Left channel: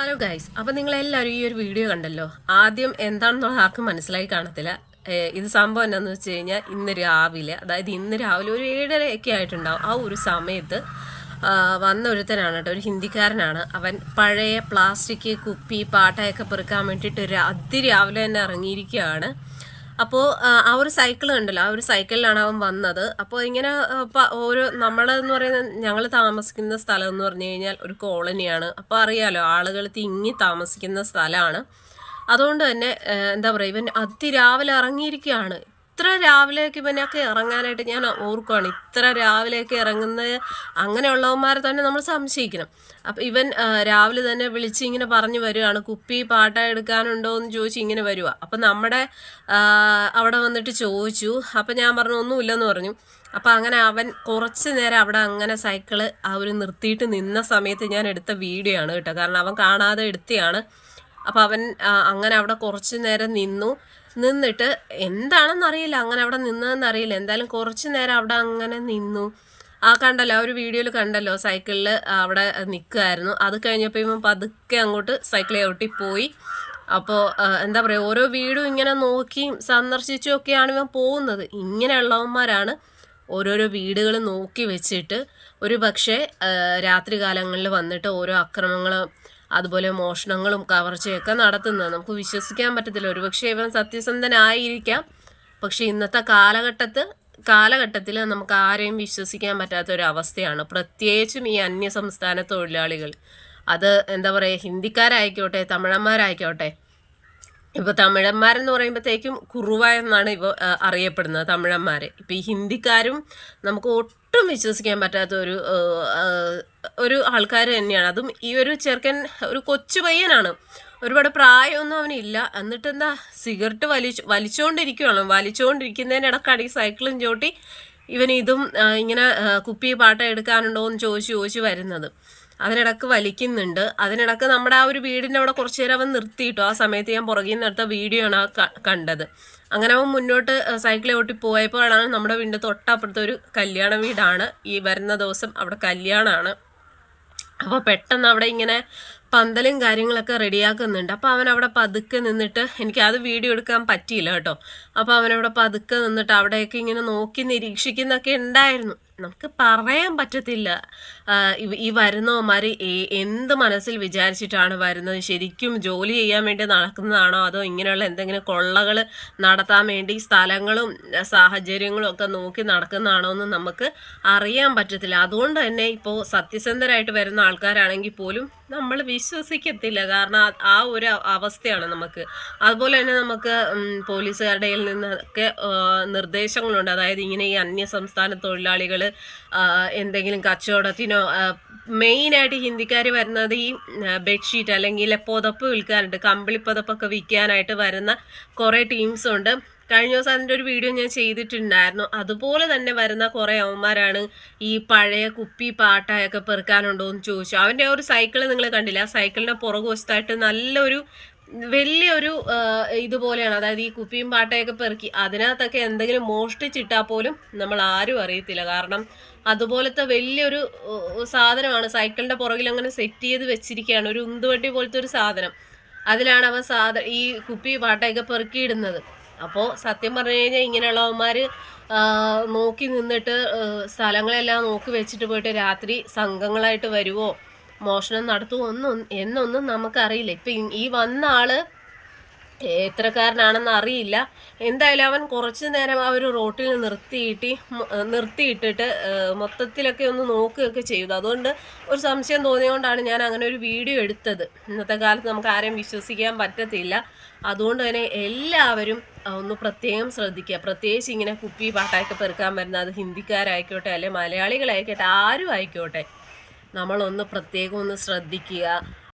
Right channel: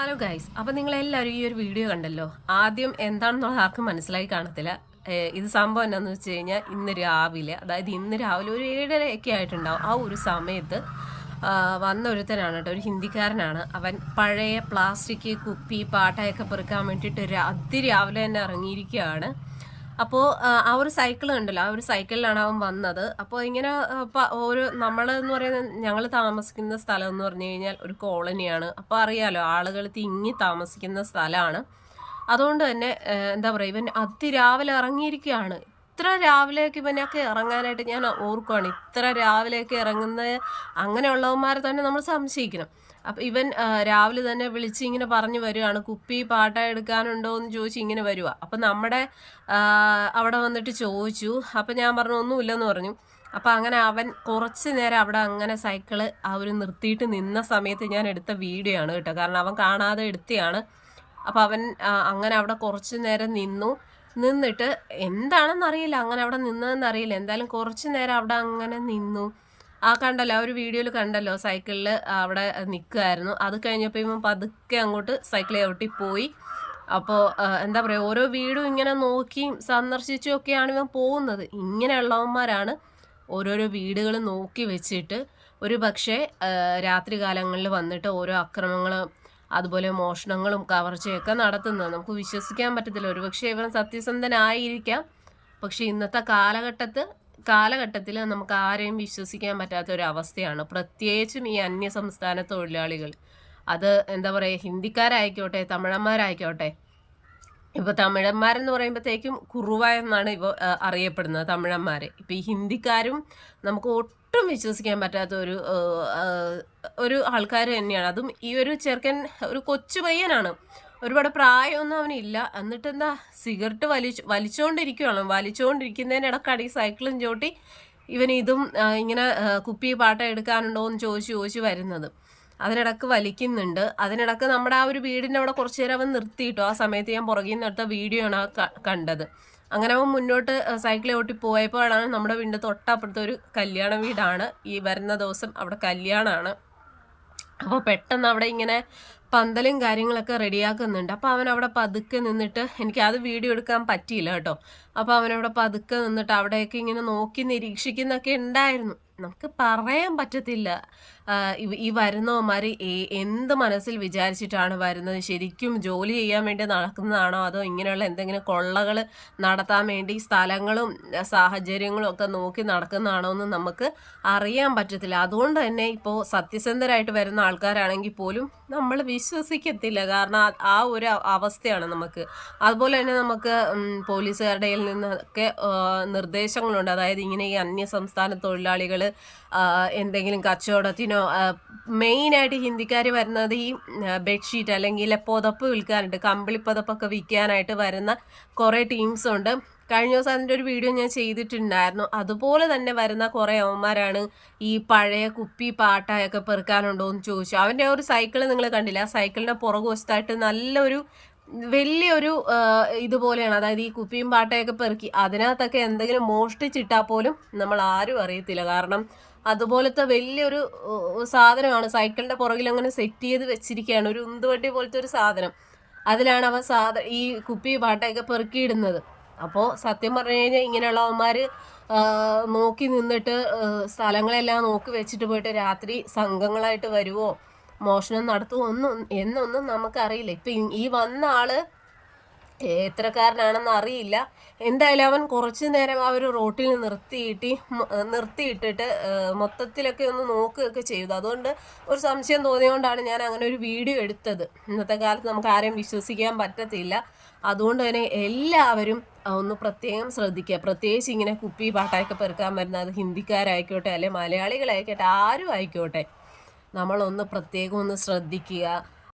Hello guys അപ്പം നിങ്ങളെല്ലാവരും ഈ ഒരു വീഡിയോ കണ്ടല്ലോ? ആദ്യം എന്താണെന്നോ ആർക്കും മനസ്സിലായി കാണത്തില്ല. ഇത് സംഭവം എന്താണെന്ന് വെച്ച് കഴിഞ്ഞാൽ ഇന്ന് രാവിലെ അതായത് ഇന്ന് രാവിലെ ഒരു ഏഴരയൊക്കെ ആയിട്ടുണ്ടാവും. ആ ഒരു സമയത്ത് വന്ന ഒരുത്തനാണ് കേട്ടോ ഒരു ഹിന്ദിക്കാരനാണ്. അവൻ പഴയ പ്ലാസ്റ്റിക് കുപ്പി പാട്ടയൊക്കെ പെറുക്കാൻ വേണ്ടിയിട്ട് ഒരു അതിരാവിലെ തന്നെ ഇറങ്ങിയിരിക്കുകയാണ്. അപ്പോൾ ആ ഒരു സൈക്കിൾ കണ്ടല്ലോ. ആ ഒരു സൈക്കിളിലാണ് അവൻ വന്നത്. അപ്പോൾ ഇങ്ങനെ ഒരു നമ്മളെന്ന് പറയുന്നത് ഞങ്ങൾ താമസിക്കുന്ന സ്ഥലം എന്ന് പറഞ്ഞു കഴിഞ്ഞാൽ ഒരു കോളനിയാണ്. അപ്പോൾ അറിയാലോ ആളുകൾ തിങ്ങി താമസിക്കുന്ന സ്ഥലമാണ് അതുകൊണ്ട് തന്നെ എന്താ പറയുക ഇവൻ അതിരാവിലെ ഇറങ്ങിയിരിക്കുകയാണ്. ഇത്ര രാവിലെയൊക്കെ ഇവനൊക്കെ ഇറങ്ങാനായിട്ട് ഞാൻ ഓർക്കുവാണ്. ഇത്ര രാവിലെയൊക്കെ ഇറങ്ങുന്ന അങ്ങനെയുള്ളവന്മാരെ തന്നെ നമ്മൾ സംശയിക്കണം. അപ്പം ഇവൻ രാവിലെ തന്നെ വിളിച്ച് ഇങ്ങനെ പറഞ്ഞു വരികയാണ് കുപ്പി പാട്ട എടുക്കാനുണ്ടോ? എന്ന് ചോദിച്ച് ഇങ്ങനെ വരുക അപ്പം നമ്മുടെ അവിടെ വന്നിട്ട് ചോദിച്ചു. അപ്പം ഞാൻ പറഞ്ഞു ഒന്നുമില്ലെന്ന് പറഞ്ഞു. അപ്പം അങ്ങനെ അവൻ കുറച്ച് നേരം അവിടെ അങ്ങനെ സൈക്കിൾ അവർ നിർത്തിയിട്ട് നിന്ന സമയത്ത് ഞാൻ എടുത്ത വീഡിയോ ആണ് കേട്ടോ. കാരണം അവൻ കാണാതെ എടുത്തയാണ്. അപ്പം അവൻ അങ്ങനെ അവിടെ കുറച്ച് നേരം നിന്നു. നിന്നിട്ട് എന്താണെന്നറിയില്ല അങ്ങനെ അവിടെ നിന്നതെന്ന് അറിയില്ല. എന്തായാലും കുറച്ച് നേരം അവിടെ അങ്ങനെ നിന്നു. ആ കണ്ടല്ലോ ആ ഒരു വീഡിയോയിൽ കണ്ടല്ലോ സൈക്കിളിൽ അവിടെ നിൽക്കുമായിരുന്നു അത് കഴിഞ്ഞപ്പോൾ ഇവൻ പതുക്കെ അങ്ങോട്ട് സൈക്കിൾ ചവിട്ടി പോയി അപ്പോൾ എന്താ പറയുക ഓരോ വീടും ഇങ്ങനെ നോക്കിയും സന്ദർശിച്ചും ഒക്കെയാണ് ഇവൻ പോകുന്നത്. ഇങ്ങനെയുള്ളവന്മാരാണ് ഓരോരോ വീടുകൾ നോക്കി വെച്ചിട്ട് ഒരു പക്ഷേ രാത്രി കാലങ്ങളിൽ വന്നിട്ട് ഓരോ അക്രമങ്ങളും അതുപോലെ മോഷണങ്ങളും കവർച്ചയൊക്കെ നടത്തുന്നത് നമുക്ക് വിശ്വസിക്കാൻ പറ്റത്തില്ല. ഒരുപക്ഷെ ഇവൻ സത്യസന്ധനായിരിക്കാം. പക്ഷെ ഇന്നത്തെ കാലഘട്ടത്ത് കാലഘട്ടത്തിൽ നമുക്ക് ആരെയും വിശ്വസിക്കാൻ പറ്റാത്ത ഒരു അവസ്ഥയാണ് പ്രത്യേകിച്ചും ഈ അന്യ സംസ്ഥാന തൊഴിലാളികൾ. അത് എന്താ പറയുക ഹിന്ദിക്കാരായിക്കോട്ടെ തമിഴന്മാരായിക്കോട്ടെ. ഇപ്പോൾ തമിഴന്മാരെന്ന് പറയുമ്പോഴത്തേക്കും കുറുവ എന്നാണ് ഇവ അറിയപ്പെടുന്നത് തമിഴന്മാരെ. ഇപ്പോൾ ഈ ഹിന്ദിക്കാരും നമുക്ക് ഒട്ടും വിശ്വസിക്കാൻ പറ്റാത്ത ഒരു ഒരു ആൾക്കാർ തന്നെയാണ്. അതും ഈ ഒരു ചെറുക്കൻ ഒരു കൊച്ചു പയ്യനാണ്. ഒരുപാട് പ്രായമൊന്നും അവനില്ല. എന്നിട്ട് എന്താ സിഗരറ്റ് വലിച്ചു വലിച്ചുകൊണ്ടിരിക്കുകയാണ് വലിച്ചുകൊണ്ടിരിക്കുന്നതിന് ഇടക്കാണ് ഈ സൈക്കിളും ചോട്ടി ഇവൻ ഇതും ഇങ്ങനെ കുപ്പി പാട്ട എടുക്കാനുണ്ടോ എന്ന് ചോദിച്ച് ചോദിച്ച് വരുന്നത്. അതിനിടക്ക് വലിക്കുന്നുണ്ട്. അതിനിടക്ക് നമ്മുടെ ആ ഒരു വീടിന്റെ അവിടെ കുറച്ച് നേരം അവൻ നിർത്തിയിട്ടു. ആ സമയത്ത് ഞാൻ പുറകിൽ നിന്ന് എടുത്ത വീഡിയോ ആണ് ആ കണ്ടത്. അങ്ങനെ അവൻ മുന്നോട്ട് സൈക്കിൾ ഓട്ടി പോയപ്പോഴാണ് നമ്മുടെ വീടിന്റെ തൊട്ടപ്പുറത്തെ ഒരു കല്യാണ വീടാണ്. ഈ വരുന്ന ദിവസം അവിടെ കല്യാണമാണ് അപ്പോൾ പെട്ടെന്ന് അവിടെ ഇങ്ങനെ പന്തലും കാര്യങ്ങളൊക്കെ റെഡിയാക്കുന്നുണ്ട്. അപ്പോൾ അവൻ അവിടെ പതുക്കെ നിന്നിട്ട് എനിക്ക് അത് വീഡിയോ എടുക്കാൻ പറ്റിയില്ല കേട്ടോ. അപ്പോൾ അവനവിടെ പതുക്കെ നിന്നിട്ട് അവിടെയൊക്കെ ഇങ്ങനെ നോക്കി നിരീക്ഷിക്കുന്നൊക്കെ ഉണ്ടായിരുന്നു. നമുക്ക് പറയാൻ പറ്റത്തില്ല. ഈ വരുന്നവന്മാർ എന്ത് മനസ്സിൽ വിചാരിച്ചിട്ടാണ് വരുന്നത്? ശരിക്കും ജോലി ചെയ്യാൻ വേണ്ടി നടക്കുന്നതാണോ? അതോ ഇങ്ങനെയുള്ള എന്തെങ്കിലും കൊള്ളകൾ നടത്താൻ വേണ്ടി സ്ഥലങ്ങളും സാഹചര്യങ്ങളും ഒക്കെ നോക്കി നടക്കുന്നതാണോ എന്ന് നമുക്ക് അറിയാൻ പറ്റത്തില്ല. അതുകൊണ്ട് തന്നെ ഇപ്പോൾ സത്യസന്ധരായിട്ട് വരുന്ന ആൾക്കാരാണെങ്കിൽ പോലും നമ്മൾ വിശ്വസിക്കത്തില്ല. കാരണം ആ- ഒരു അവസ്ഥയാണ് നമുക്ക്. അതുപോലെ തന്നെ നമുക്ക് പോലീസുകാരുടെ നിന്നൊക്കെ നിർദ്ദേശങ്ങളുണ്ട്. അതായത് ഇങ്ങനെ ഈ അന്യസംസ്ഥാന തൊഴിലാളികൾ എന്തെങ്കിലും കച്ചവടത്തിനോ മെയിനായിട്ട് ഹിന്ദിക്കാർ വരുന്നത് ഈ ബെഡ്ഷീറ്റ് അല്ലെങ്കിൽ പുതപ്പ് വിൽക്കാറുണ്ട്. കമ്പിളി പുതപ്പൊക്കെ വിൽക്കാനായിട്ട് വരുന്ന കുറേ ടീംസ് ഉണ്ട്. കഴിഞ്ഞ ദിവസം അതിന്റെ ഒരു വീഡിയോ ഞാൻ ചെയ്തിട്ടുണ്ടായിരുന്നു. അതുപോലെ തന്നെ വരുന്ന കുറേ അവന്മാരാണ് ഈ പഴയ കുപ്പി പാട്ടയൊക്കെ പെറുക്കാനുണ്ടോ എന്ന് ചോദിച്ചു. അവന്റെ ഒരു സൈക്കിൾ നിങ്ങൾ കണ്ടില്ല? ആ സൈക്കിളിന്റെ പുറകു വശത്തായിട്ട് നല്ലൊരു വലിയൊരു ഇതുപോലെയാണ്. അതായത് ഈ കുപ്പിയും പാട്ടയൊക്കെ പെറുക്കി അതിനകത്തൊക്കെ എന്തെങ്കിലും മോഷ്ടിച്ചിട്ടാൽ പോലും നമ്മൾ ആരും അറിയത്തില്ല. കാരണം അതുപോലത്തെ വലിയൊരു സാധനമാണ്. സൈക്കിളിന്റെ പുറകിൽ അങ്ങനെ സെറ്റ് ചെയ്ത് വെച്ചിരിക്കുകയാണ്. ഒരു ഉന്തുവട്ടി പോലത്തെ ഒരു സാധനം. അതിലാണ് അവൻ സാധ ഈ കുപ്പി പാട്ടയൊക്കെ പെറുക്കിയിടുന്നത്. അപ്പോൾ സത്യം പറഞ്ഞു കഴിഞ്ഞാൽ ഇങ്ങനെയുള്ളവന്മാർ നോക്കി നിന്നിട്ട് സ്ഥലങ്ങളെല്ലാം നോക്കി വെച്ചിട്ട് പോയിട്ട് രാത്രി സംഘങ്ങളായിട്ട് വരുവോ? മോഷണം നടത്തുമോ ഒന്നും എന്നൊന്നും നമുക്കറിയില്ല. ഇപ്പം ഈ- വന്ന ആൾ എത്രക്കാരനാണെന്ന് അറിയില്ല. എന്തായാലും അവൻ കുറച്ച് നേരം ആ ഒരു റോട്ടിൽ നിർത്തിയിട്ട് നിർത്തിയിട്ടിട്ട് മൊത്തത്തിലൊക്കെ ഒന്ന് നോക്കുകയൊക്കെ ചെയ്തു. അതുകൊണ്ട് ഒരു സംശയം തോന്നിയതുകൊണ്ടാണ് ഞാൻ അങ്ങനെ ഒരു വീഡിയോ എടുത്തത്. ഇന്നത്തെ കാലത്ത് നമുക്ക് ആരെയും വിശ്വസിക്കാൻ പറ്റത്തില്ല. അതുകൊണ്ട് തന്നെ എല്ലാവരും ഒന്ന് പ്രത്യേകം ശ്രദ്ധിക്കുക. പ്രത്യേകിച്ച് ഇങ്ങനെ കുപ്പി പാട്ടായൊക്കെ പെറുക്കാൻ വരുന്ന അത് ഹിന്ദിക്കാരായിക്കോട്ടെ അല്ലെ മലയാളികളായിക്കോട്ടെ ആരും ആയിക്കോട്ടെ. നമ്മളൊന്ന് പ്രത്യേകം ഒന്ന് ശ്രദ്ധിക്കുക.